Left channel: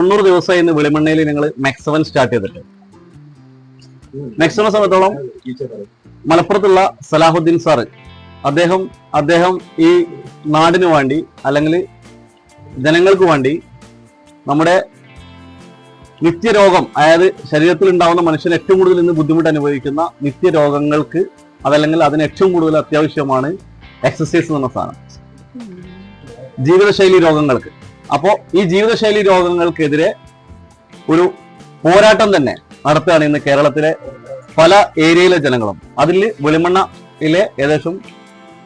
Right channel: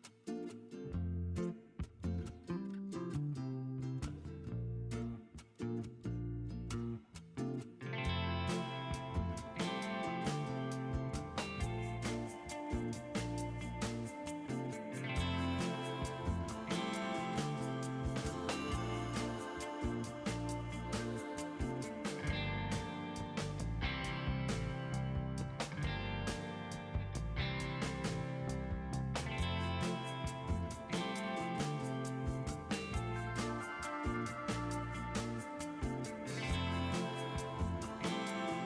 തൊണ്ണൂറ് ദിവസമായി ഇന്ന് വെളിമണ്ണയിൽ ഞങ്ങൾ മെക്സവൻ സ്റ്റാർട്ട് ചെയ്തിട്ട്. മെക്സവനെ സംബന്ധിച്ചോളം മലപ്പുറത്തുള്ള സലാഹുദ്ദീൻ സാറ് അദ്ദേഹം അദ്ദേഹം ഈ നാടിന് വേണ്ടി അല്ലെങ്കിൽ ജനങ്ങൾക്ക് വേണ്ടി നമ്മുടെ നിത്യരോഗം അതായത് ശരീരത്തിൽ ഉണ്ടാവുന്ന മനുഷ്യന് ഏറ്റവും കൂടുതൽ ഇന്ന് ബുദ്ധിമുട്ട് അനുഭവിക്കുന്ന നിത്യരോഗങ്ങൾക്ക് അതല്ലെങ്കിൽ അതിന് ഏറ്റവും കൂടുതൽ അത്യാവശ്യമാണ് എക്സസൈസ് എന്ന സാധനം. ജീവിതശൈലി രോഗങ്ങൾക്ക്. അപ്പോൾ ഈ ജീവിതശൈലി രോഗങ്ങൾക്കെതിരെ ഒരു പോരാട്ടം തന്നെ നടത്തുകയാണ് ഇന്ന് കേരളത്തിലെ പല ഏരിയയിലെ ജനങ്ങളും. അതിൽ വെളിമണ്ണയിലെ ഏകദേശം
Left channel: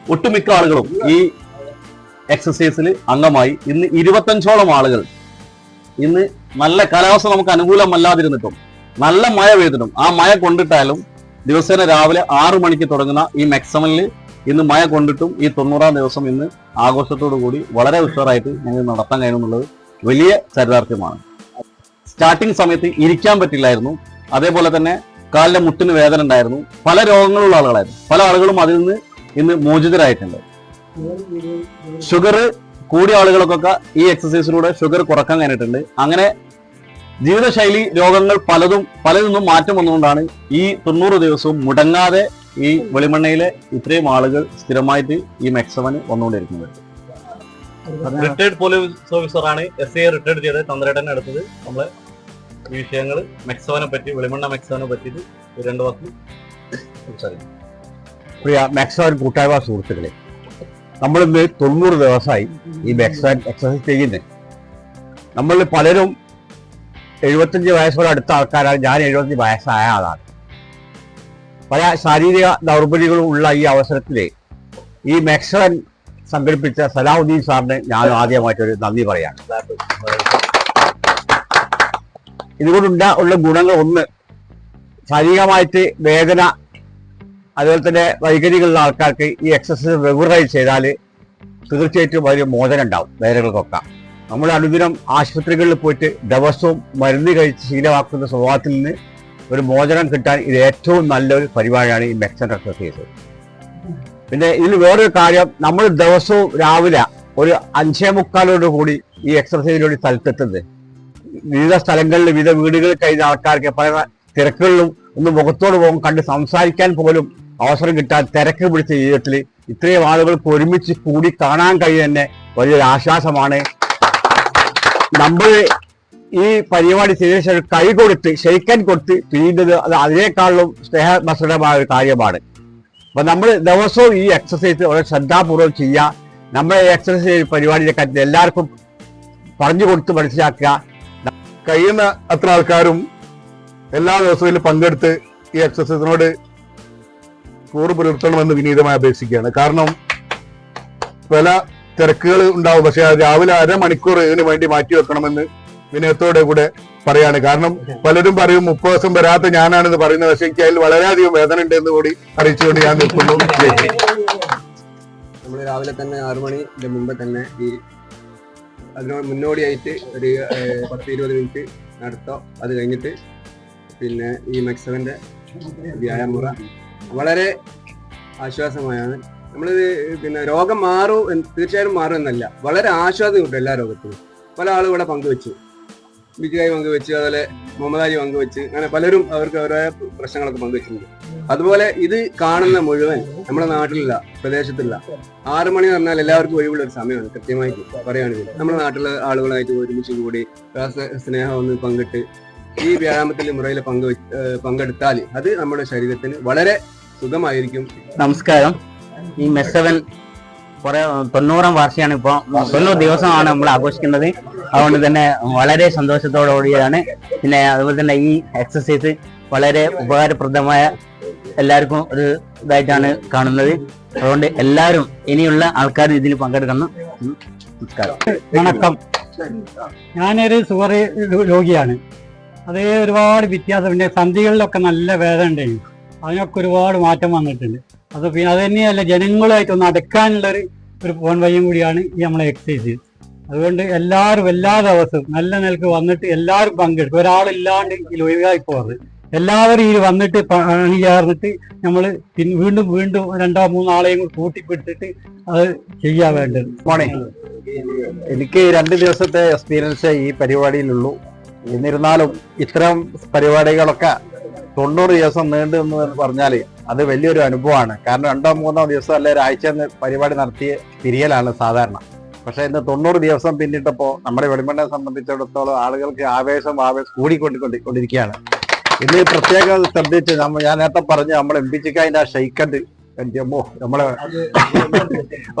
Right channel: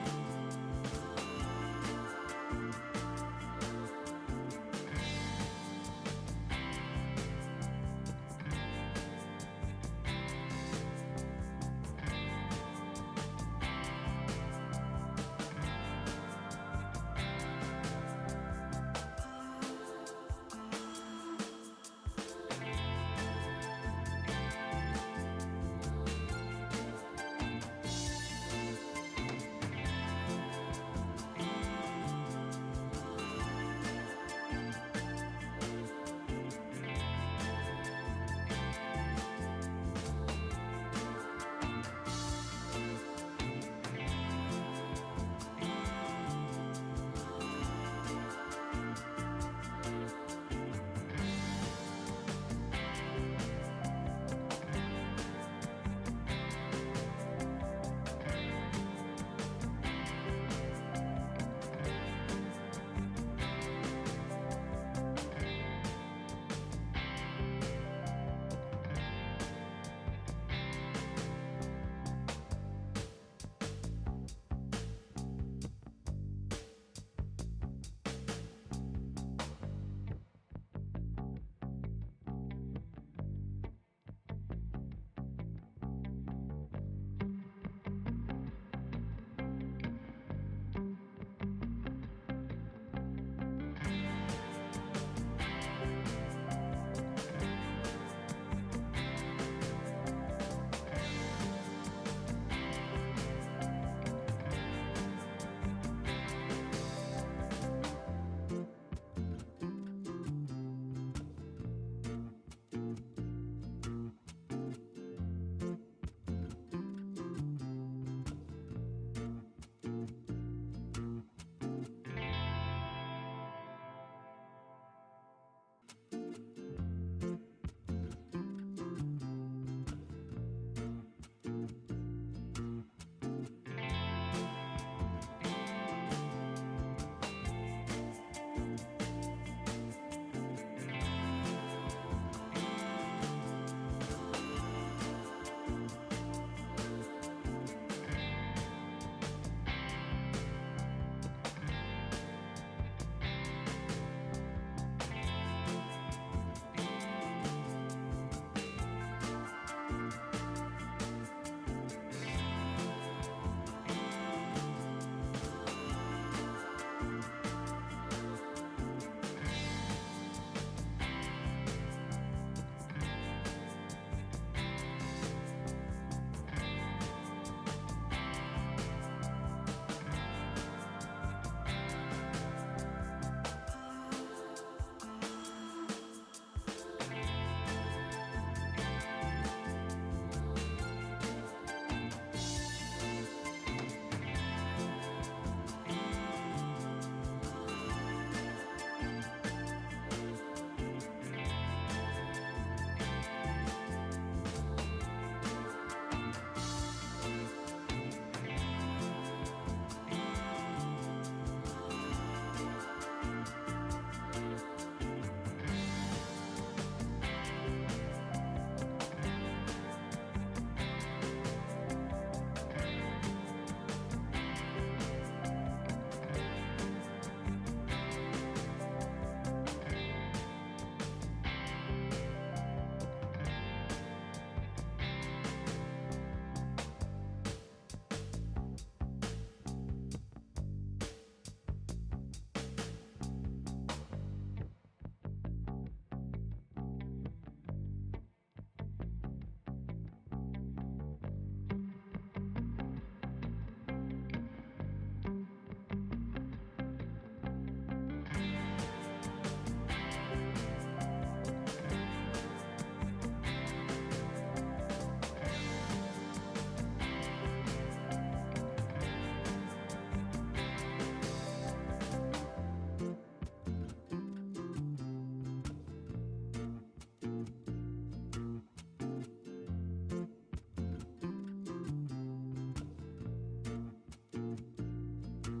ഒട്ടുമിക്ക ആളുകളും ഈ എക്സസൈസിൽ അംഗമായി. ഇന്ന് ഇരുപത്തഞ്ചോളം ആളുകൾ ഇന്ന് നല്ല കാലാവസ്ഥ നമുക്ക് അനുകൂലമല്ലാതിരുന്നിട്ടും നല്ല മഴ പെയ്തിട്ടും ആ മഴ കൊണ്ടിട്ടാലും ദിവസേന രാവിലെ ആറു മണിക്ക് തുടങ്ങുന്ന ഈ മെക്സമനിൽ ഇന്ന് മഴ കൊണ്ടിട്ടും ഈ തൊണ്ണൂറാം ദിവസം ഇന്ന് ആഘോഷത്തോടു കൂടി വളരെ ഉഷാറായിട്ട് ഞങ്ങൾ നടത്താൻ കഴിയുമെന്നുള്ളത് വലിയ ചരിതാർത്ഥ്യമാണ്. സ്റ്റാർട്ടിങ് സമയത്ത് ഇരിക്കാൻ പറ്റില്ലായിരുന്നു. അതേപോലെ തന്നെ കാലിലെ മുട്ടിന് വേദന ഉണ്ടായിരുന്നു. പല രോഗങ്ങളുള്ള ആളുകളായിരുന്നു. പല ആളുകളും അതിൽ നിന്ന് ഇന്ന് മോചിതരായിട്ടുണ്ട്. ഷുഗർ കൂടിയ ആളുകൾക്കൊക്കെ ഈ എക്സസൈസിലൂടെ ഷുഗർ കുറയ്ക്കാൻ കഴിഞ്ഞിട്ടുണ്ട്. അങ്ങനെ ജീവിതശൈലി രോഗങ്ങൾ പലതും പലതിൽ നിന്നും മാറ്റം വന്നുകൊണ്ടാണ് ഈ തൊണ്ണൂറ് ദിവസവും മുടങ്ങാതെ ഈ വെളിമണ്ണയിലെ ഇത്രയും ആളുകൾ സ്ഥിരമായിട്ട് ഈ മെക്സവന് വന്നുകൊണ്ടിരിക്കുന്നത്. റിട്ടയർഡ് പോലീസ് ഓഫീസറാണ് എസ് ഐ റിട്ടയർഡ് ചെയ്ത് തന്ത്രേട്ടനെ എടുത്തത്. നമ്മളെ ഈ വിഷയങ്ങൾ മെക്സവനെ പറ്റി വെളിമണ്ണ മെക്സവനെ പറ്റിയിട്ട് രണ്ടു വാക്ക് സംസാരിക്കും. പ്രിയ മെക്സവൻ കൂട്ടായ്മ സുഹൃത്തുക്കളെ നമ്മളിന്ന് തൊണ്ണൂറ് ദിവസമായി ഈ മെക്സവൻ എക്സസൈസ് ചെയ്യുന്നത് നമ്മൾ പലരും എഴുപത്തഞ്ച് വയസ്സോട് അടുത്ത ആൾക്കാരാണ്. ഞാൻ എഴുപത്തഞ്ച് വയസ്സായ ആളാണ്. പല ശാരീരിക ദൗർബല്യങ്ങളും ഉള്ള ഈ അവസരത്തിൽ ഈ മാക്സവൻ സംഘടിപ്പിച്ച സലാഹുദ്ദീൻ സാറിന് ഞാൻ ആദ്യമായിട്ടൊരു നന്ദി പറയാണ് ഇതുകൊണ്ടുണ്ട ഉള്ള ഗുണങ്ങൾ ഒന്ന് ശാരീരികമായിട്ട് വേദന അതുപോലെ തന്നെ വൈകല്യങ്ങളുള്ള ആൾക്കാർക്ക് ഈ എക്സസൈസ് റെഗുലറായി ചെയ്താൽ തീർച്ചയായിട്ടും വലിയ മോചനം ഉണ്ടാവും വേദനകൾക്കൊക്കെ. നമ്മൾ അനുദിനം ആശുപത്രികളിൽ പോയിട്ട് ദിവസവും മരുന്ന് കഴിച്ച് ശീലമാക്കുന്ന സ്വഭാവത്തിൽ നിന്ന് ഒരു മോചനം കിട്ടാൻ ഇത് ഏറ്റവും നല്ലൊരു പരിപാടിയാണ് ഈ മെക്സൻ എക്സസൈസ് പിന്നെ ഇതിൽ വേറൊരു കാര്യം നമ്മൾ ദിവസവും രാവിലെ ഒരു അഞ്ചേ മുക്കാലോട് കൂടി ഈ എക്സസൈസിലൂടെ സ്ഥലത്തെത്തുന്നത്. വിവിധ സ്ഥലങ്ങളിൽ വിവിധ വീടുകളിൽ കഴിയുന്ന ആൾക്കാർക്ക് പല തിരക്കുകളിലും ഒന്ന് മുഖത്തോട് പോകും കണ്ട് സംസാരിക്കാൻ പോലും അവസരം കിട്ടാൻ തിരക്ക് പിടിച്ച ജീവിതത്തിൽ ഇത്രയും ആളുകൾക്ക് ഒരുമിച്ച് കൂടി കാണാൻ കഴിയുന്ന വലിയൊരു ആശ്വാസമാണ്. നമ്മൾ ഈ പരിപാടി ചെയ്തതിനു ശേഷം കൈ കൊടുത്ത് ഷെയ്ക്കൻ കൊടുത്ത് പിരിയുന്നത് അത് അതിനേക്കാളും സ്നേഹമസൃഢമായ ഒരു കാര്യമാണ്. അപ്പൊ നമ്മൾ ദിവസവും ഈ എക്സസൈസ് വളരെ ശ്രദ്ധാപൂർവം ചെയ്യുക നമ്മുടെ എക്സസൈസ് പരിപാടിയുടെ കാര്യത്തിൽ എല്ലാവർക്കും പറഞ്ഞു കൊടുത്ത് മനസ്സിലാക്കുക. കഴിയുന്ന അത്ര ആൾക്കാരും എല്ലാ ദിവസവും പങ്കെടുത്ത് ഈ എക്സസൈസിനോട് കൂറ് പുലർത്തണമെന്ന് വിനീതമായി അപേക്ഷിക്കുകയാണ്. കാരണം പല തിരക്കുകൾ ഉണ്ടാവും. പക്ഷെ രാവിലെ അരമണിക്കൂർ ഇതിനു വേണ്ടി മാറ്റി വെക്കണമെന്ന് വിനയത്തോടെ കൂടെ പറയാണ്. കാരണം പലരും പറയും മുപ്പത് ദിവസം വരാത്ത ഞാനാണെന്ന് പറയുന്നത്. പക്ഷെ എനിക്ക് അതിൽ വളരെയധികം വേദന ഉണ്ട് എന്ന് കൂടി അറിയിച്ചുകൊണ്ട് ഞാൻ നിൽക്കുന്നു. രാവിലെ തന്നെ ആറു മണിന്റെ മുമ്പ് തന്നെ ഈ അതിനോട് മുന്നോടിയായിട്ട് ഒരു പത്ത് ഇരുപത് മിനിറ്റ് നടത്തോ. അത് കഴിഞ്ഞിട്ട് പിന്നെ ഈ മെക്സവന്റെ വ്യായാമുറ വളരെ ആശ്വാസമായാണ്. നമ്മളിത് പിന്നെ രോഗം മാറും തീർച്ചയായും മാറും എന്നല്ല. വളരെ ആശ്വാസം കിട്ടും എല്ലാ രോഗത്തിനും. പല ആളും ഇവിടെ പങ്കുവെച്ചു. ബിജുകായി പങ്കുവെച്ച് അതുപോലെ മുഹമ്മദാജി പങ്കുവെച്ച് അങ്ങനെ പലരും അവർക്ക് അവരുടെ പ്രശ്നങ്ങളൊക്കെ പങ്കുവെച്ചിട്ടുണ്ട്. അതുപോലെ ഇത് കാണുന്ന മുഴുവൻ നമ്മുടെ നാട്ടിലില്ല പ്രദേശത്തില്ല ആറു മണി എന്ന് പറഞ്ഞാൽ എല്ലാവർക്കും ഒഴിവുള്ള ഒരു സമയമാണ് കൃത്യമായിട്ട് പറയുകയാണെങ്കിൽ. നമ്മുടെ നാട്ടിലെ ആളുകളായിട്ട് ഒരുമിച്ച് കൂടി സ്നേഹം ഒന്ന് പങ്കിട്ട് ഈ വ്യായാമത്തിൽ മുറയിൽ പങ്കു പങ്കെടുത്താൽ അത് നമ്മുടെ ശരീരത്തിന് വളരെ സുഖമായിരിക്കും. നമസ്കാരം. ഈ മെസ്സവൻ കുറെ തൊണ്ണൂറാം വാർഷികമാണ് ഇപ്പോൾ. തൊണ്ണൂറ് ദിവസമാണ് നമ്മൾ ആഘോഷിക്കുന്നത്. അതുകൊണ്ട് തന്നെ വളരെ സന്തോഷത്തോടുകൂടിയാണ് പിന്നെ അതുപോലെ തന്നെ ഈ എക്സസൈസ് വളരെ ഉപകാരപ്രദമായ എല്ലാവർക്കും ഒരു ഇതായിട്ടാണ് കാണുന്നത്. അതുകൊണ്ട് എല്ലാവരും ഇനിയുള്ള ആൾക്കാർ ഇതിൽ പങ്കെടുക്കണം. നമസ്കാരം. വണക്കം. ഞാനൊരു സുഗർ രോഗിയാണ്. അതേ ഒരുപാട് വ്യത്യാസം പിന്നെ സന്ധികളിലൊക്കെ നല്ല വേദന ഉണ്ടായിരുന്നു അതിനൊക്കെ ഒരുപാട് മാറ്റം വന്നിട്ടുണ്ട്. അത് പിന്നെ അത് തന്നെയല്ല ജനങ്ങളുമായിട്ടൊന്ന് അടക്കാനുള്ളൊരു ഒരു ഫോൺ വഴിയും കൂടിയാണ് ഈ നമ്മളെ എക്സസൈസ് അതുകൊണ്ട് എല്ലാവരും എല്ലാ ദിവസവും നല്ല നിലയ്ക്ക് വന്നിട്ട് എല്ലാവരും പങ്കെടുക്കും. ഒരാളില്ലാണ്ട് ഒഴിവായി പോകരുത്. എല്ലാവരും ഈ വന്നിട്ട് പണി ചേർന്നിട്ട് നമ്മൾ വീണ്ടും വീണ്ടും രണ്ടോ മൂന്നോ ആളെയും കൂടി കൂട്ടിപ്പിടിച്ചിട്ട് അത് ചെയ്യാൻ വേണ്ടത്. മോണേ എനിക്ക് രണ്ട് ദിവസത്തെ എക്സ്പീരിയൻസ് ഈ പരിപാടിയിലുള്ളൂ. എന്നിരുന്നാലും ഇത്തരം പരിപാടികളൊക്കെ തൊണ്ണൂറ് ദിവസം നീണ്ടു എന്ന് പറഞ്ഞാൽ അത് വലിയൊരു അനുഭവമാണ്. കാരണം രണ്ടോ മൂന്നോ ദിവസം അല്ലെ ഒരാഴ്ച പരിപാടി നടത്തിയ പിരിയലാണ് സാധാരണ. പക്ഷെ ഇന്ന് തൊണ്ണൂറ് ദിവസം പിന്നിട്ടപ്പോൾ നമ്മുടെ വെളിമണ്ണെ സംബന്ധിച്ചിടത്തോളം ആളുകൾക്ക് ആവേശം ആവേശം കൂടിക്കൊണ്ടിരിക്കുകയാണ് കൊണ്ടിരിക്കുകയാണ്. ഇന്ന് പ്രത്യേകം ശ്രദ്ധിച്ച് നമ്മ ഞാൻ നേരത്തെ പറഞ്ഞു നമ്മൾ എം പി ചിക്കാന്റെ ആ ഷെയ്ക്കണ്ട് നമ്മളെ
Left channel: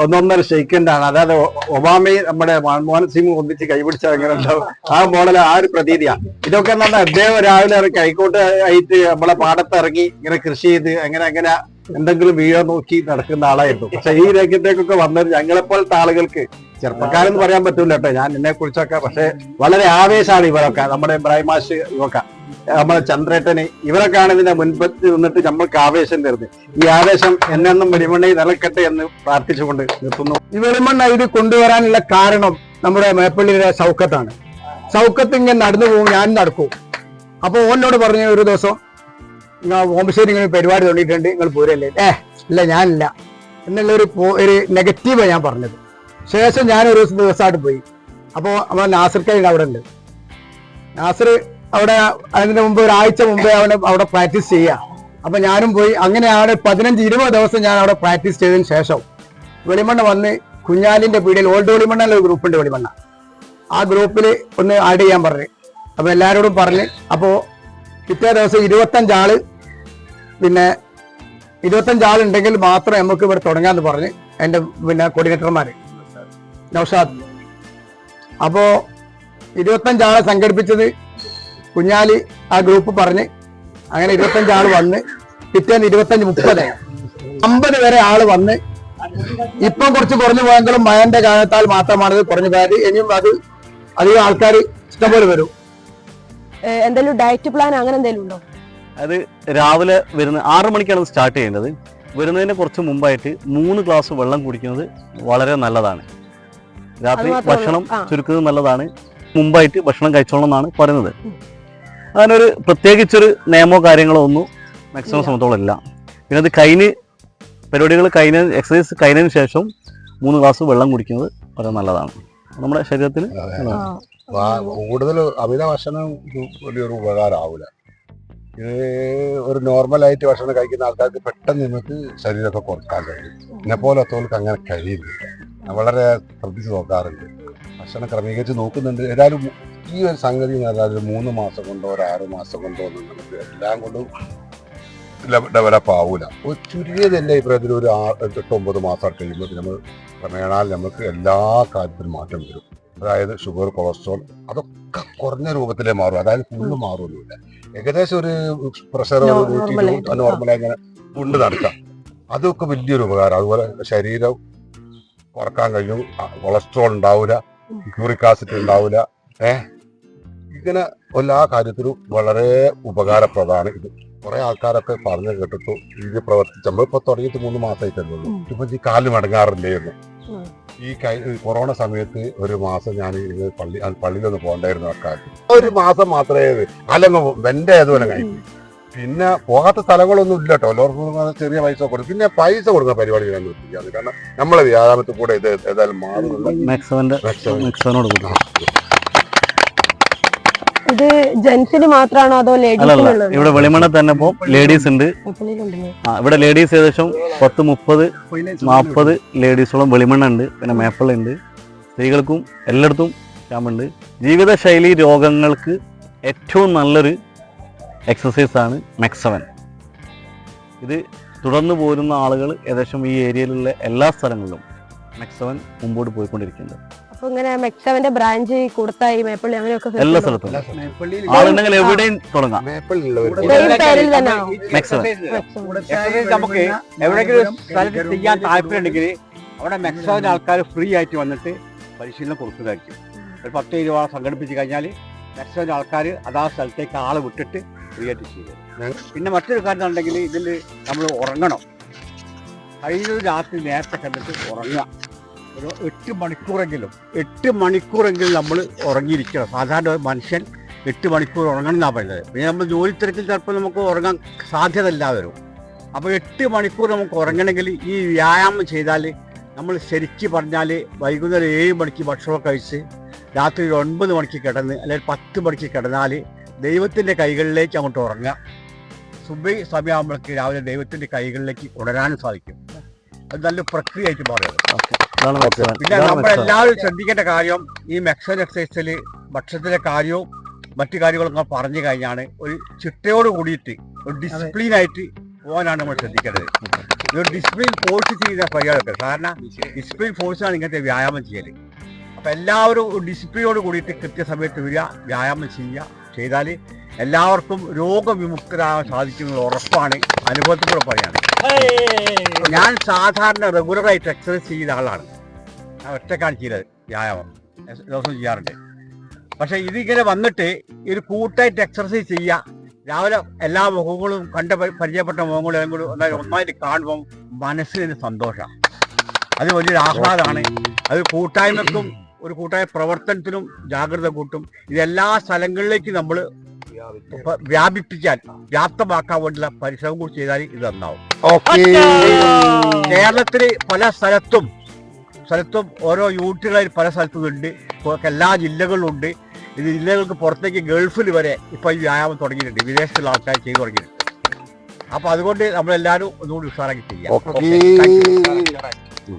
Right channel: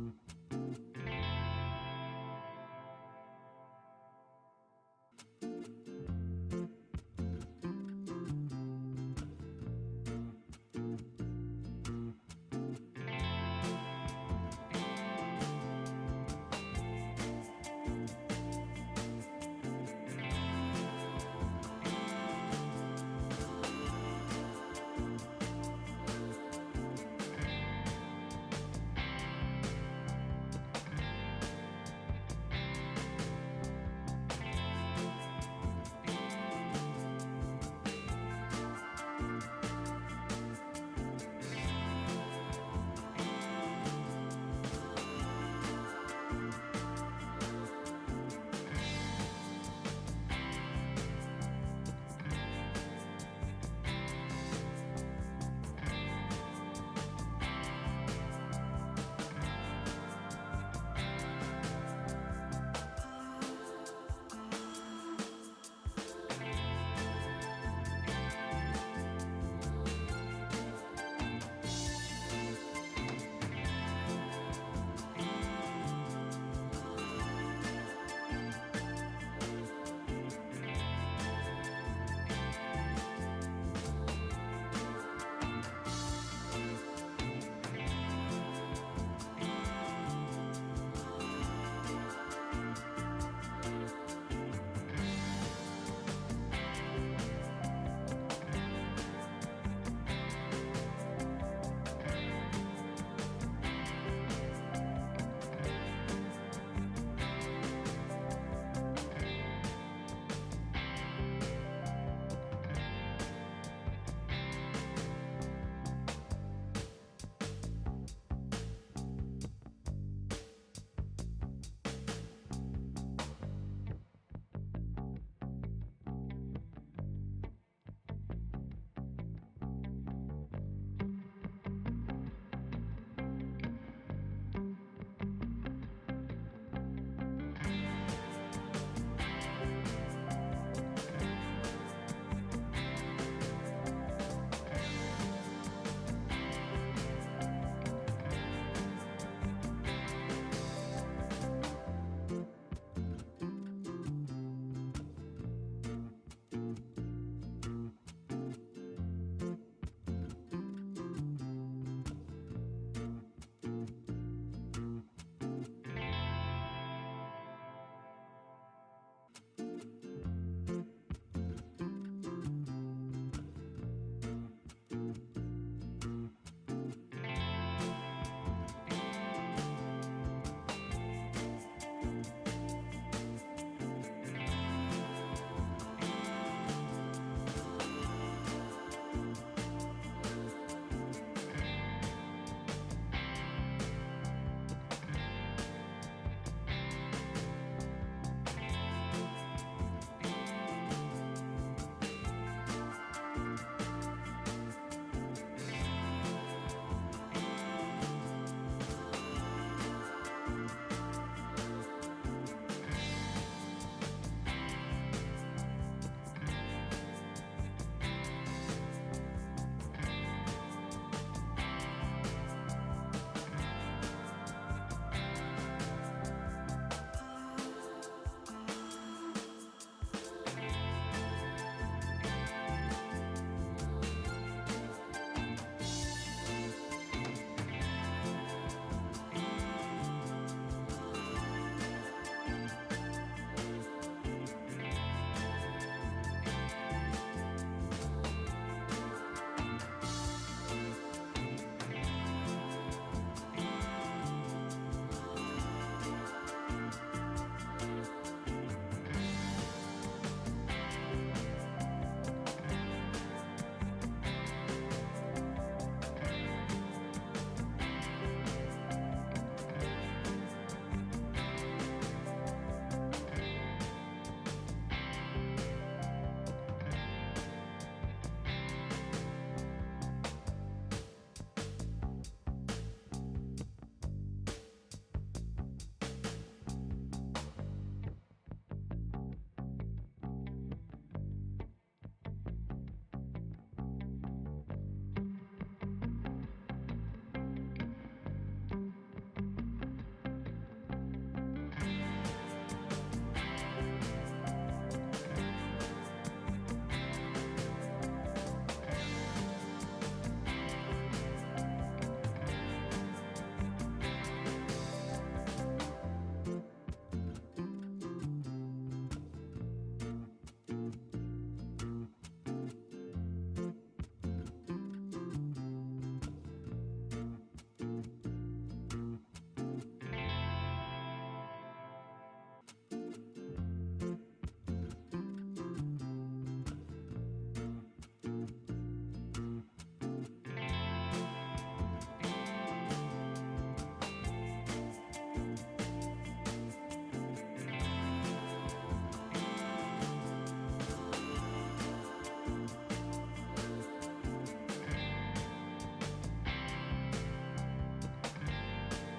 ഒന്നൊന്നര ഷെയ്ക്കണ്ടാണ് അതായത് ഒബാമയെ നമ്മുടെ മൻമോഹൻ സിംഗ് ഒന്നിച്ച് കൈപിടിച്ച ഉണ്ടാവും ആ മോഡൽ ആ ഒരു പ്രതീതിയാ. ഇതൊക്കെ നമ്മൾ അദ്ദേഹം രാവിലെ കൈക്കോട്ട് ആയിട്ട് നമ്മളെ പാടത്ത് ഇറങ്ങി ഇങ്ങനെ കൃഷി ചെയ്ത് അങ്ങനെ അങ്ങനെ എന്തെങ്കിലും വീഴ നോക്കി നടക്കുന്ന ആളായിരുന്നു. പക്ഷെ ഈ രംഗത്തേക്കൊക്കെ വന്നത് ഞങ്ങളെപ്പോലത്തെ ആളുകൾക്ക് ചെറുപ്പക്കാരെന്ന് പറയാൻ പറ്റൂല കേട്ടോ. ഞാൻ എന്നെ കുറിച്ചൊക്കെ പക്ഷെ വളരെ ആവേശമാണ് ഇവരൊക്കെ നമ്മുടെ ഇബ്രാഹിം മാഷ് ഇവൊക്കെ നമ്മുടെ ചന്ദ്രേട്ടന് ഇവരൊക്കെയാണ് ഇതിന്റെ മുൻപത്ത് നിന്നിട്ട് നമ്മൾക്ക് ആവേശം തരുന്നത്. ഈ ആവേശം എന്നെന്നും വെളിമണ്ണയിൽ നിലക്കട്ടെ എന്ന് പ്രാർത്ഥിച്ചുകൊണ്ട് നിർത്തുന്നു. ഈ വെളിമണ്ണ ഇത് കൊണ്ടുവരാനുള്ള കാരണം നമ്മുടെ മേപ്പള്ളിയിലെ സൗക്കത്താണ്. സൗക്കത്ത് ഇങ്ങനെ നടന്നു പോകും ഞാൻ നടക്കും. അപ്പോൾ ഓനോട് പറഞ്ഞു ഒരു ദിവസം നിങ്ങൾ ഇങ്ങനെ പരിപാടി തുടങ്ങിയിട്ടുണ്ട്. നിങ്ങൾ പോരല്ലേ? ഏ ഇല്ല ഞാനില്ല. എന്നുള്ള ഒരു ഒരു നെഗറ്റീവാണ് ഞാൻ പറഞ്ഞത്. ശേഷം ഞാൻ ഒരു ദിവസമായിട്ട് പോയി. അപ്പോൾ നമ്മൾ നാസർ കൈ അവിടെ ഉണ്ട് നാസർ അവിടെ അതിന് മുമ്പ് ഒരാഴ്ച മുമ്പേ അവനെ അവിടെ പ്രാക്ടീസ് ചെയ്യുക അപ്പൊ ഞാനും പോയി. അങ്ങനെ അവിടെ പതിനഞ്ച് ഇരുപത് ദിവസം ഞാൻ അവിടെ പ്രാക്ടീസ് ചെയ്തതിന് ശേഷം വെളിമണ്ണ വന്ന് കുഞ്ഞാലിന്റെ പീടിയിൽ ഓൾഡ് വെളിമണ്ണ ഒരു ഗ്രൂപ്പ് ഉണ്ട് വെളിമണ്ണ. ആ ഗ്രൂപ്പിൽ ഒന്ന് ആഡ് ചെയ്യാൻ പറഞ്ഞു. അപ്പോൾ എല്ലാവരോടും പറഞ്ഞ്. അപ്പോൾ പിറ്റേ ദിവസം ഇരുപത്തഞ്ചാൾ പിന്നെ ഇരുപത്തഞ്ചാളുണ്ടെങ്കിൽ മാത്രം നമുക്ക് ഇവിടെ തുടങ്ങാന്ന് പറഞ്ഞ് എന്റെ പിന്നെ കോർഡിനേറ്റർമാര് നൗഷാദ്. അപ്പോ ഇരുപത്തഞ്ചാളെ സംഘടിപ്പിച്ചത് കുഞ്ഞാലി ആ ഗ്രൂപ്പ് പറഞ്ഞ് അങ്ങനെ ഇരുപത്തഞ്ചാൾ വന്ന് പിറ്റേന്ന് ഇരുപത്തഞ്ച് മുപ്പത് അമ്പത് വരെ ആൾ വന്ന് ഇപ്പം കുറച്ച് കുറഞ്ഞു പോയെങ്കിലും മഴന്റെ കാലത്താൽ മാത്രമാണ് ഇത് കുറഞ്ഞു പോയത്. ഇനിയും അത് അധികം ആൾക്കാർ ഇഷ്ടംപോലെ വരും. എന്തെങ്കിലും ഡയറ്റ് പ്ലാൻ അങ്ങനെ എന്തെങ്കിലും ഉണ്ടോ? അത് രാവിലെ വരുന്ന ആറ് മണിക്കാണ് സ്റ്റാർട്ട് ചെയ്യേണ്ടത്. വരുന്നതിന് കുറച്ച് മുമ്പായിട്ട് മൂന്ന് ഗ്ലാസ് വെള്ളം കുടിക്കുന്നത് വളരെ നല്ലതാണ്. രാത്രി ഭക്ഷണം ചുരുക്കുന്നത് നല്ലതാണ്. മുമ്പായിട്ട് ഭക്ഷണം കഴിച്ചോളണം എന്നാണ് പറയുന്നത്. അതിനൊരു പ്രത്യേകിച്ചൊരു നിയമോ കാര്യങ്ങളോ ഒന്നും മാക്സിമം സംബന്ധത്തോളം ഇല്ല. പിന്നെ അത് കഴിഞ്ഞ് പരിപാടികൾ കഴിഞ്ഞ എക്സസൈസ് കഴിഞ്ഞതിന് ശേഷം മൂന്ന് ഗ്ലാസ് വെള്ളം കുടിക്കുന്നത് വളരെ നല്ലതാണ്. നമ്മുടെ ശരീരത്തിന്. കൂടുതൽ അമിത ഭക്ഷണം ഒരു വലിയൊരു ഉപകാരമാവില്ല ഒരു നോർമലായിട്ട് ഭക്ഷണം കഴിക്കുന്ന ആൾക്കാർക്ക് പെട്ടെന്ന് നിങ്ങൾക്ക് ശരീരമൊക്കെ കുറയ്ക്കാൻ കഴിയും. എന്നെ പോലത്തവർക്ക് അങ്ങനെ കഴിയുന്നില്ല വളരെ ശ്രദ്ധിച്ച് നോക്കാറുണ്ട്. ഭക്ഷണം ക്രമീകരിച്ച് നോക്കുന്നുണ്ട്. ഏതായാലും ഈ ഒരു സംഗതി എന്ന് പറഞ്ഞാൽ ഒരു മൂന്ന് മാസം കൊണ്ടോ ഒരു ആറ് മാസം കൊണ്ടോ എല്ലാം കൊണ്ടും ഡെവലപ്പ് ആവൂല. ചുരുങ്ങിയത് എന്റെ അഭിപ്രായത്തിൽ ഒരു ആറ് എട്ട് ഒമ്പത് മാസം കഴിയുമ്പോൾ നമ്മൾ ക്രമേണാൽ നമുക്ക് എല്ലാ കാര്യത്തിലും മാറ്റം വരും. അതായത് ഷുഗർ കൊളസ്ട്രോൾ അതൊക്കെ കുറഞ്ഞ രൂപത്തിലേ മാറും. അതായത് ഫുള്ള് മാറുമൊന്നുമില്ല ഏകദേശം ഒരു പ്രഷർ നോർമലായി ഇങ്ങനെ കൊണ്ട് നടക്കാം. അതൊക്കെ വലിയൊരു ഉപകാരം. അതുപോലെ ശരീരം കുറയ്ക്കാൻ കഴിഞ്ഞു കൊളസ്ട്രോൾ ഉണ്ടാവില്ല യൂറിക് ആസിഡ് ഉണ്ടാവില്ല ഏ? ഇങ്ങനെ എല്ലാ കാര്യത്തിലും വളരെ ഉപകാരപ്രദമാണ് ഇത്. കുറെ ആൾക്കാരൊക്കെ പറഞ്ഞു കേട്ടിട്ടു ഇത് പ്രവർത്തിച്ച്. ഇപ്പൊ തുടങ്ങിയിട്ട് മൂന്ന് മാസമായിട്ടല്ലേ ഉള്ളൂ. ഇപ്പൊ ഈ കാലിന് മടങ്ങാറില്ലേ ഉം. ഈ കൈ കൊറോണ സമയത്ത് ഒരു മാസം ഞാൻ പള്ളി പള്ളിയിലൊന്ന് പോകണ്ടായിരുന്നു ആൾക്കാർ. ഒരു മാസം മാത്രമേ അല്ലെങ്കിൽ വെന്റെ അതുപോലെ കഴിക്കും പിന്നെ പോകാത്ത സ്ഥലങ്ങളൊന്നും ഇല്ല കേട്ടോ എല്ലാവർക്കും ചെറിയ പൈസ കൊടുക്കും. പിന്നെ പൈസ കൊടുക്കുന്ന പരിപാടി ഞാൻ നിർത്തിക്കാണ് കാരണം നമ്മളെ വ്യാപാരത്തിൽ കൂടെ ഇത് ഏതായാലും മാറുന്നുണ്ട്. മാക്സിമം മാക്സിമം കൂടി. ഇത് ജെന്റ്സിന് മാത്രമാണോ അതോ ലേഡീസിനുള്ളോ ഇവിടെ വെളിമണ തന്നെ ഇപ്പോൾ ലേഡീസ് ഉണ്ട്. ഇവിടെ ലേഡീസ് ഏകദേശം പത്ത് മുപ്പത് നാൽപ്പത് ലേഡീസോളം വെളിമണ്ണ ഉണ്ട്. പിന്നെ മേപ്പിൾ ഉണ്ട്. സ്ത്രീകൾക്കും എല്ലായിടത്തും ക്യാമ്പുണ്ട് ജീവിതശൈലി രോഗങ്ങൾക്ക് ഏറ്റവും നല്ലൊരു എക്സസൈസാണ് മെക്സവൻ ഇത് തുടർന്നു പോരുന്ന ആളുകൾ ഏകദേശം ഈ ഏരിയയിലുള്ള എല്ലാ സ്ഥലങ്ങളിലും മെക്സവൻ മുമ്പോട്ട് പോയിക്കൊണ്ടിരിക്കുന്നുണ്ട്. അപ്പൊ ഇങ്ങനെ മെക്സവന്റെ ബ്രാഞ്ച് കൊടുത്തായി മേപ്പള്ളി അങ്ങനെയൊക്കെ എല്ലാ സ്ഥലത്തും. ആളുണ്ടെങ്കിൽ എവിടെയും തുടങ്ങാം. പേരിൽ തന്നെയാണോ മെക്സവൻ നമുക്ക് എവിടെയെങ്കിലും സ്ഥലത്ത് ചെയ്യാൻ താല്പര്യമുണ്ടെങ്കിൽ അവിടെ മെക്സവൻ ആൾക്കാർ ഫ്രീ ആയിട്ട് വന്നിട്ട് പരിശീലനം കൊടുക്കുന്നതായിരിക്കും. ഒരു പത്ത് ഇരുപത് സംഘടിപ്പിച്ച് കഴിഞ്ഞാൽ മാക്സിമം ആൾക്കാർ അതാ സ്ഥലത്തേക്ക് ആൾ വിട്ടിട്ട് ഫ്രീ ആയിട്ട് ചെയ്യും. പിന്നെ മറ്റൊരു കാര്യം ഉണ്ടെങ്കിൽ ഇതിൽ നമ്മൾ ഉറങ്ങണം. കഴിഞ്ഞ രാത്രി നേരത്തെ കണ്ടിട്ട് ഉറങ്ങുക. ഒരു എട്ട് മണിക്കൂറെങ്കിലും എട്ട് മണിക്കൂറെങ്കിലും നമ്മൾ ഉറങ്ങിയിരിക്കണം. സാധാരണ മനുഷ്യൻ എട്ട് മണിക്കൂർ ഉറങ്ങണം എന്നാണ് പറയുന്നത്. പിന്നെ നമ്മൾ ജോലി തിരക്കിൽ ചിലപ്പോൾ നമുക്ക് ഉറങ്ങാൻ സാധ്യത ഇല്ലാതെ വരും. അപ്പോൾ എട്ട് മണിക്കൂർ നമുക്ക് ഉറങ്ങണമെങ്കിൽ ഈ വ്യായാമം ചെയ്താൽ നമ്മൾ ശരിക്ക് പറഞ്ഞാൽ വൈകുന്നേരം ഏഴ് മണിക്ക് ഭക്ഷണം കഴിച്ച് രാത്രി ഒരു ഒൻപത് മണിക്ക് കിടന്ന് അല്ലെങ്കിൽ പത്ത് മണിക്ക് കിടന്നാൽ ദൈവത്തിന്റെ കൈകളിലേക്ക് അങ്ങോട്ട് ഉറങ്ങുക. സുബൈ സമയമാകുമ്പോഴേക്ക് രാവിലെ ദൈവത്തിന്റെ കൈകളിലേക്ക് ഉണരാനും സാധിക്കും. അത് നല്ല പ്രക്രിയയായിട്ട് മെക്സവൻ പിന്നെ നമ്മളെല്ലാവരും ശ്രദ്ധിക്കേണ്ട കാര്യം ഈ മെക്സൻ എക്സസൈസിൽ ഭക്ഷണത്തിലെ കാര്യവും മറ്റു കാര്യങ്ങളൊക്കെ പറഞ്ഞു കഴിഞ്ഞാണ് ഒരു ചിട്ടയോട് കൂടിയിട്ട് ഒരു ഡിസിപ്ലിൻ ആയിട്ട് പോകാനാണ് നമ്മൾ ശ്രദ്ധിക്കേണ്ടത്. ഒരു ഡിസിപ്ലിൻ ഫോഴ്സ് ചെയ്യുന്ന പരിപാടിയൊക്കെ കാരണം ഡിസിപ്ലിൻ ഫോഴ്സാണ് ഇങ്ങനത്തെ വ്യായാമം ചെയ്യൽ അപ്പം എല്ലാവരും ഡിസിപ്ലിനോട് കൂടിയിട്ട് കൃത്യസമയത്ത് വരിക വ്യായാമം ചെയ്യുക ചെയ്താൽ എല്ലാവർക്കും രോഗവിമുക്തരാകാൻ സാധിക്കുന്നത് ഉറപ്പാണ്. അനുഭവത്തിലൂടെ പറയാണ് ഞാൻ സാധാരണ റെഗുലറായിട്ട് എക്സസൈസ് ചെയ്യുന്ന ആളാണ്. ഒറ്റക്കാണ് ചെയ്തത് വ്യായാമം. ദിവസം ചെയ്യാറുണ്ട്. പക്ഷേ ഇതിങ്ങനെ വന്നിട്ട് ഒരു കൂട്ടായിട്ട് എക്സർസൈസ് ചെയ്യുക രാവിലെ എല്ലാ മുഖങ്ങളും കണ്ട പരിചയപ്പെട്ട മുഖങ്ങളും ഒന്നായി ഒന്നായിട്ട് കാണുമ്പം മനസ്സിന് സന്തോഷമാണ്. അത് വലിയൊരു ആഹ്ലാദമാണ്. അത് കൂട്ടായ്മക്കും ഒരു കൂട്ടായ പ്രവർത്തനത്തിനും ജാഗ്രത കൂട്ടും. ഇതെല്ലാ സ്ഥലങ്ങളിലേക്ക് നമ്മൾ വ്യാപിപ്പിക്കാൻ. വ്യാപ്തമാക്കാൻ വേണ്ടിയുള്ള പരിശ്രമം കൂടി ചെയ്താൽ ഇത് നന്നാവും. ഓക്കെ. കേരളത്തിൽ പല സ്ഥലത്തും സ്ഥലത്തും ഓരോ യൂണിറ്റുകളായി പല സ്ഥലത്തും ഉണ്ട്. എല്ലാ ജില്ലകളിലും ഉണ്ട്. ഇത് ജില്ലകൾക്ക് പുറത്തേക്ക് ഗൾഫിൽ വരെ ഇപ്പൊ ഈ വ്യായാമം തുടങ്ങിയിട്ടുണ്ട്. വിദേശത്തുള്ള ആൾക്കാർ ചെയ്തു തുടങ്ങിയിട്ടുണ്ട്. അപ്പൊ അതുകൊണ്ട് നമ്മളെല്ലാവരും ഒന്നുകൂടി ഉഷാറാക്കി ചെയ്യാം.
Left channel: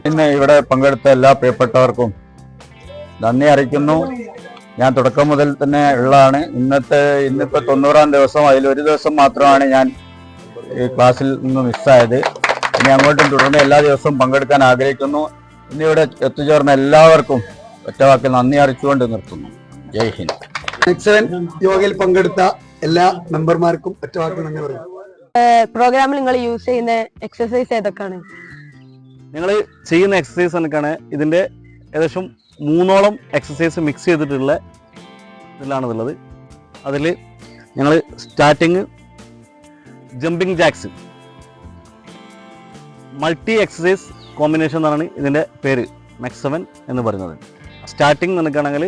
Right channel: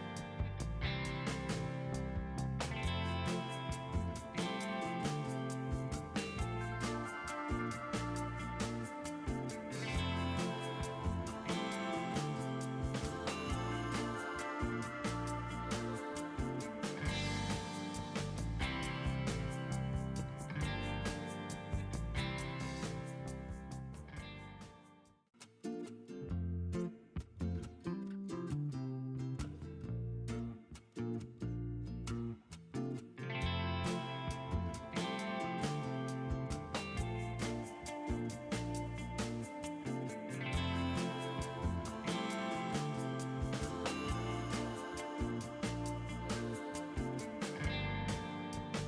പിന്നെ ഇവിടെ പങ്കെടുത്ത എല്ലാ പ്രിയപ്പെട്ടവർക്കും നന്ദി അറിയിക്കുന്നു. ഞാൻ തുടക്കം മുതൽ തന്നെ ഉള്ളതാണ്. ഇന്നത്തെ ഇന്നിപ്പോ തൊണ്ണൂറാം ദിവസം. അതിൽ ഒരു ദിവസം മാത്രമാണ് ഞാൻ ഈ ക്ലാസ്സിൽ നിന്ന് മിസ്സായത്. ഇനി അങ്ങോട്ടും തുടർന്ന് എല്ലാ ദിവസവും പങ്കെടുക്കാൻ ആഗ്രഹിക്കുന്നു. ഇന്നിവിടെ എത്തിച്ചേർന്ന എല്ലാവർക്കും ഒറ്റവാക്കിൽ നന്ദി അറിയിച്ചുകൊണ്ട് നിർത്തുന്നു. ജയ് ഹിന്ദ്. സെവൻ യോഗയിൽ പങ്കെടുത്ത എല്ലാ മെമ്പർമാർക്കും ഒറ്റവാക്കിൽ നന്ദി പറയും പ്രോഗ്രാമിൽ നിങ്ങൾ യൂസ് ചെയ്യുന്ന എക്സസൈസ് ഏതൊക്കെയാണ്? നിങ്ങൾ ചെയ്യുന്ന എക്സസൈസ് കണക്കാണ് ഇതിന്റെ ഏകദേശം മൂന്നോളം എക്സസൈസ് മിക്സ് ചെയ്തിട്ടുള്ള ഇതിലാണുള്ളത് അതിൽ ഞങ്ങൾ starting jumping jacks multi exercise combination എന്നാണ് ഇതിന്റെ പേര് മെക്സവൻ സെവൻ എന്ന് പറയുന്നത്. സ്റ്റാർട്ടിങ് നിൽക്കുകയാണെങ്കിൽ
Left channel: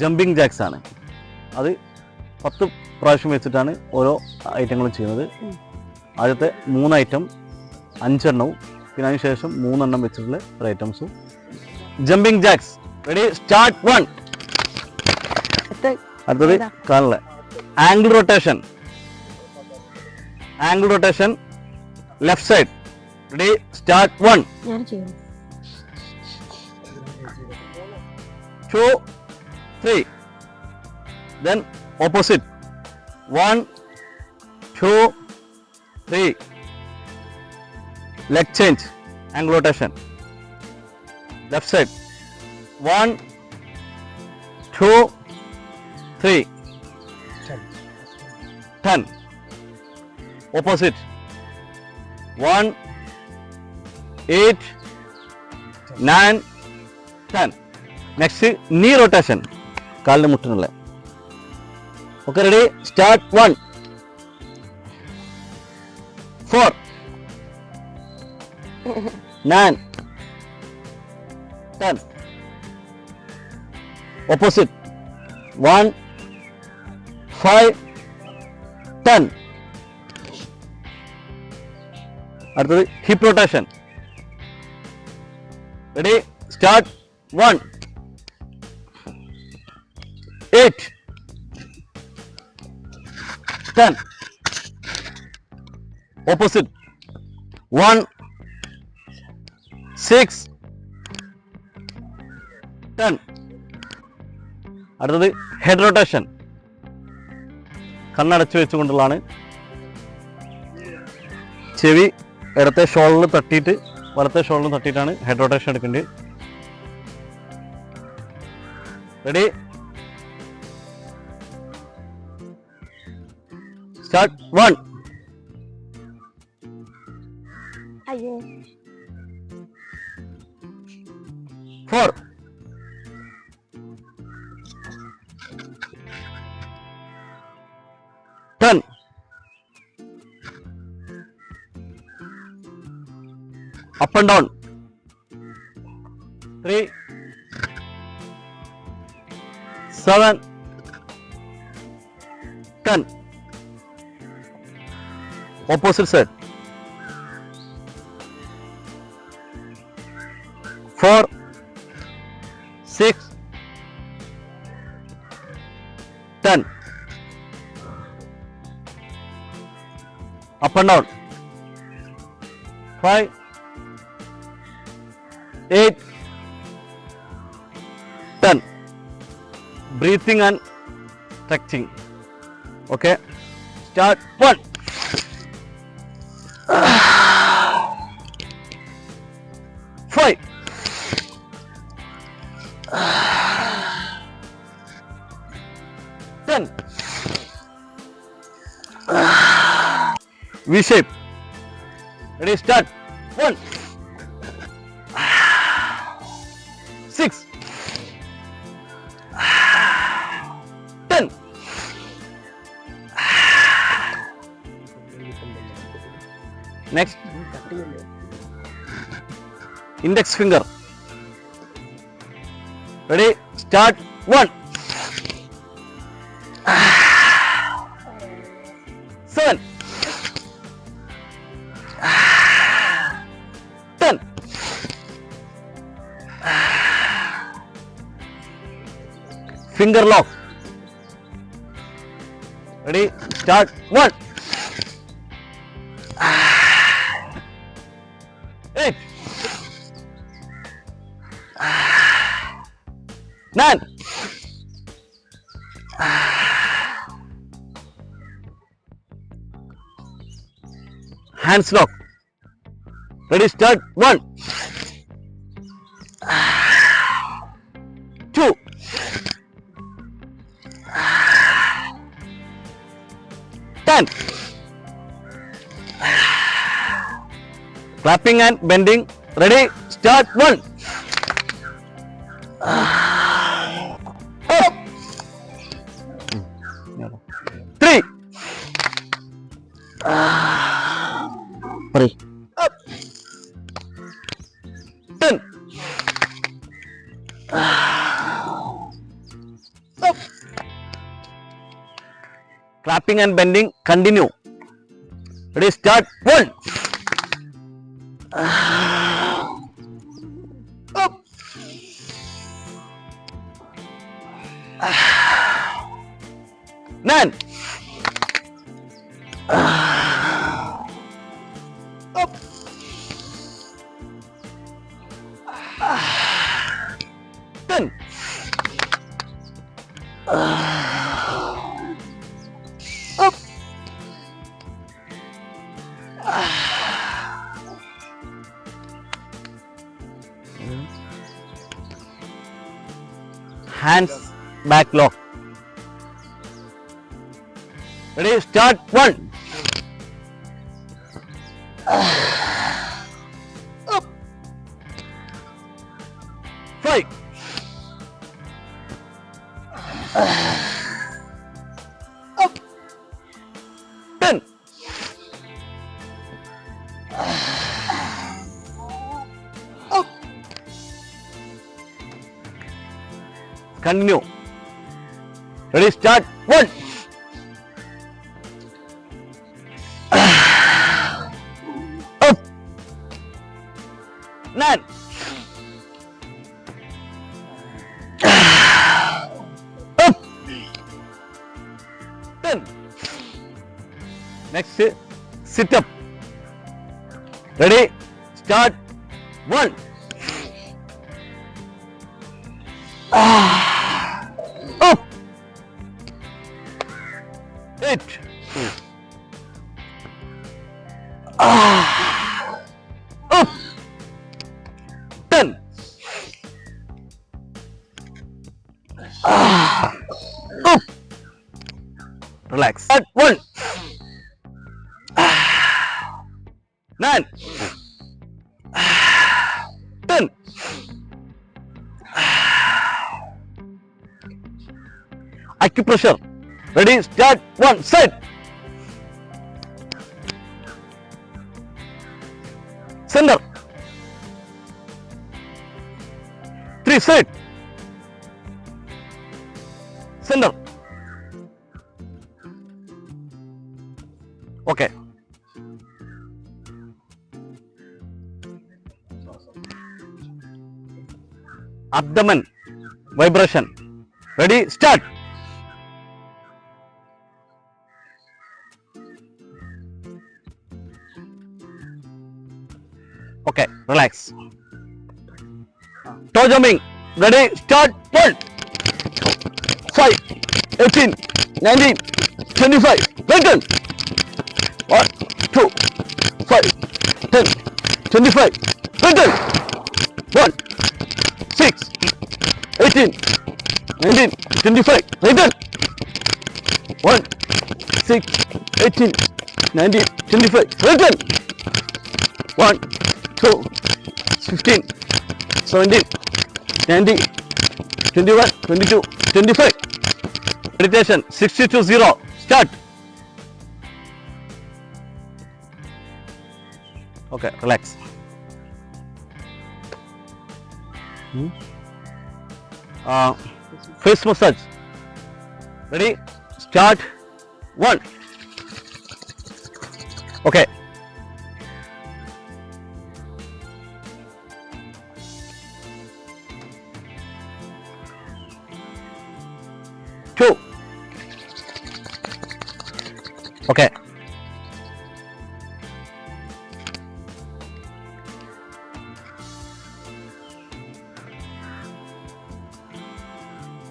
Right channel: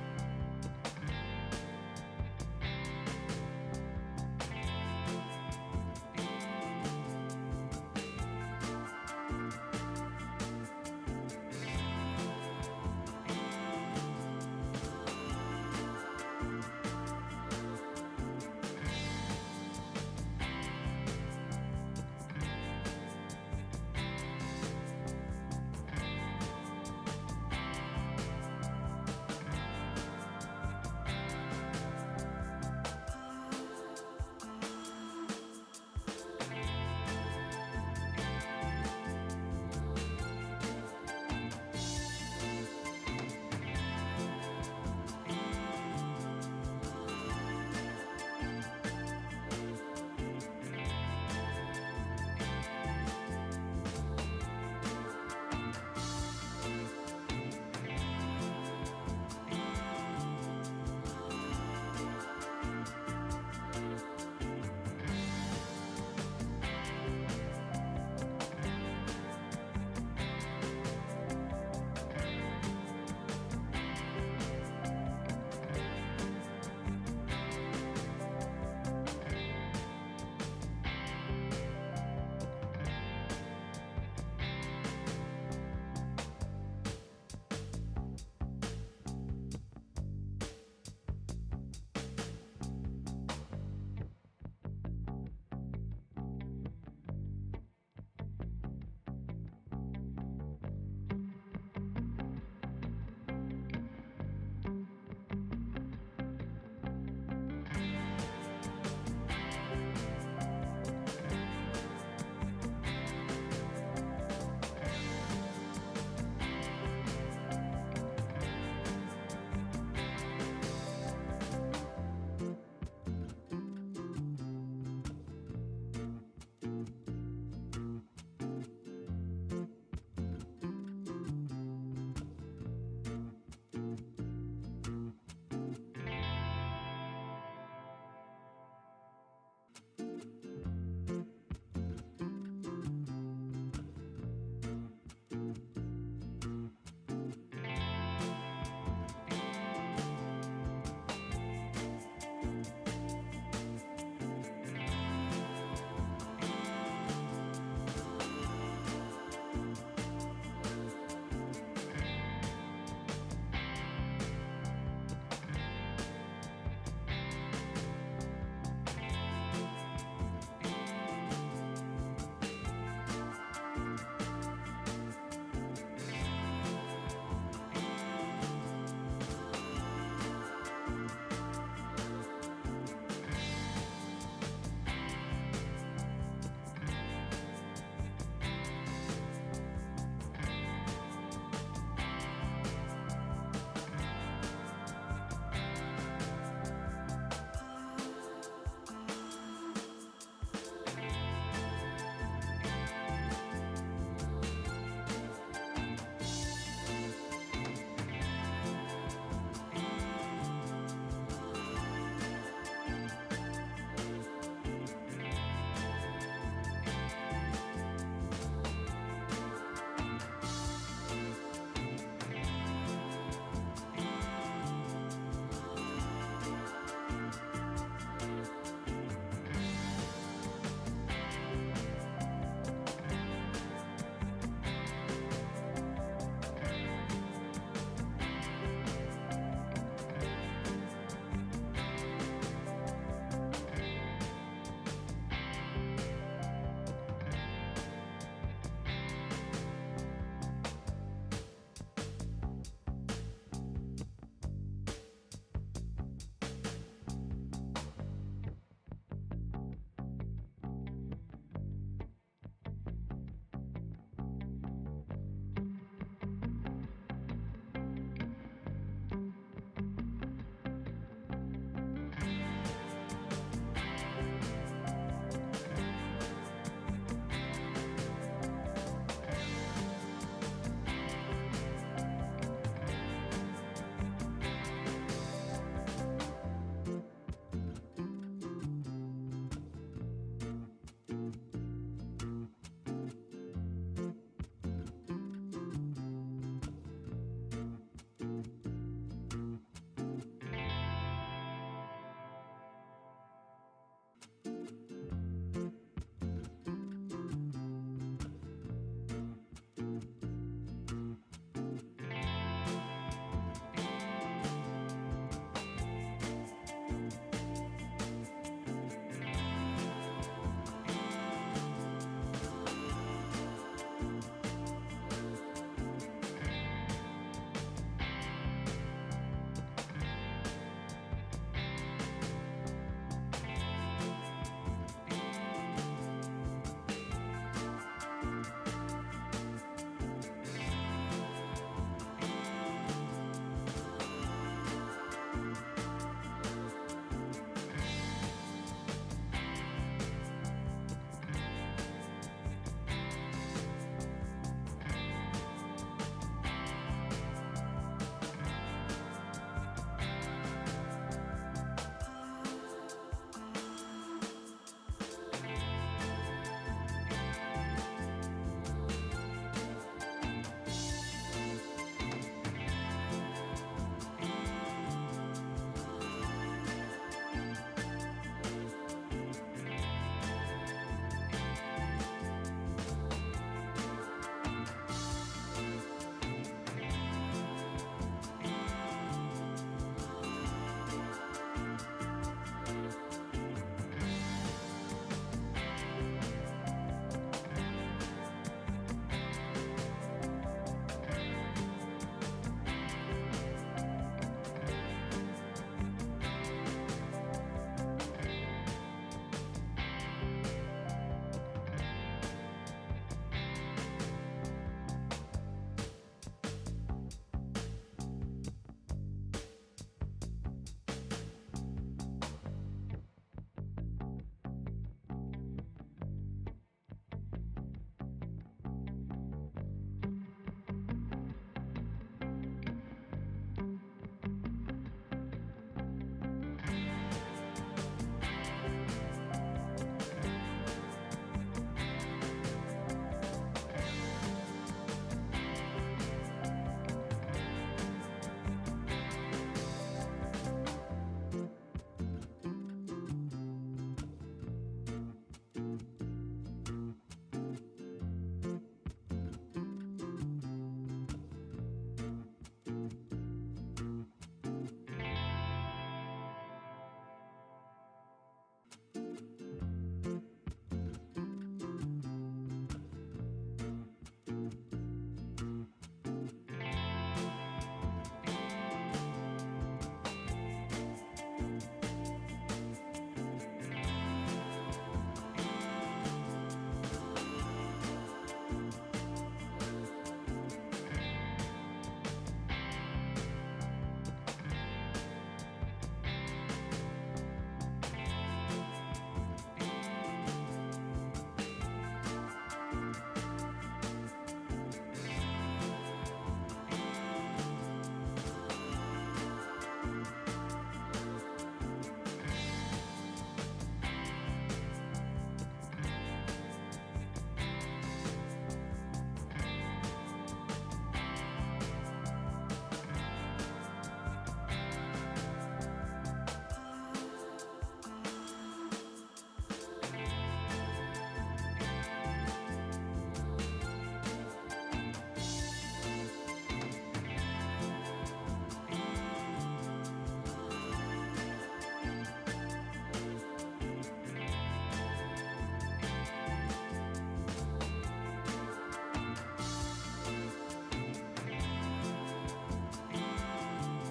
ജമ്പിങ് ജാക്സ് ആണ്. അത് പത്ത് പ്രാവശ്യം വെച്ചിട്ടാണ് ഓരോ ഐറ്റങ്ങളും ചെയ്യുന്നത്. ആദ്യത്തെ മൂന്ന് ഐറ്റം അഞ്ചെണ്ണവും പിന്നെ അതിന് ശേഷം മൂന്നെണ്ണം വെച്ചിട്ടുള്ള ഒരു items jumping jacks ready start one അടുത്തത് ഏതാ? കാണില്ല? Angle rotation angle rotation left side ready start one two three two, three. Then opposite. One, two, three. Leg change. Angle rotation. Left side. One, two, three. Ten. Opposite. One, eight, nine, ten. Next knee rotation കാലിന് മുട്ടിനുള്ള okay ready start one four nine Opposite one five ten അടുത്തത് hip rotation ready start one eight, ten. Opposite. One, six, ten. അടുത്തത് head rotation കണ്ണടച്ച് വെച്ചുകൊണ്ടുള്ളതാണ്. ചെവി ഇടത്തെ ഷോളിൽ തട്ടിയിട്ട് വലത്തെ ഷോളിൽ തട്ടിയിട്ടാണ് ഹെഡ് റൊട്ടേഷൻ എടുക്കേണ്ടത്. Ready start one up and down. 3, 7, 10. Opposite side. 4, 6, 10. Up and down. 5, 8 10 breathing and stretching okay. Start. One. Five. Ten. V shape. Ready start. One index finger ready start one seven ten finger lock ready start one hands lock. Ready start. One. Two. Ten clapping and bending. Ready start. One clapping and bending continue ready start one up nine hands back lock ready? Start. One นั่น อึ๊บตึ้น next sit up. Ready? Start. One. Ah. Relax. At one. Nine. Ten. Acupressure. Ready start one set. Center. Three set. Center okay abdomen vibration ready start okay relax jumping ready start pull 5 18 19 25 return 1 2 5 10 25 return 1 6 18 19 25 return 1 6 18 19 25 return 1 2 15 17 20, 21, 22, 25. Meditation 60 to 0. Start. Okay relax face massage ready start one okay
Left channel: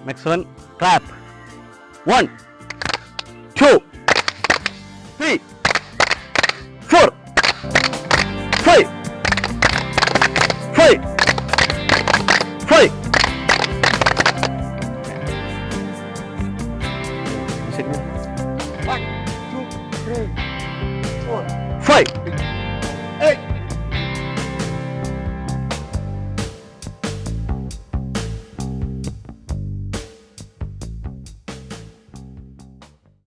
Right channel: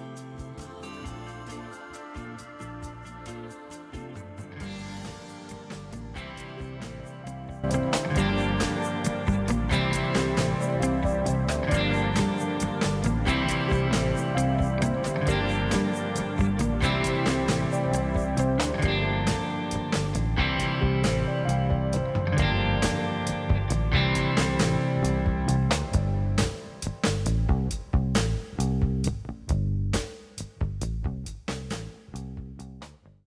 Next one, clap. One, two,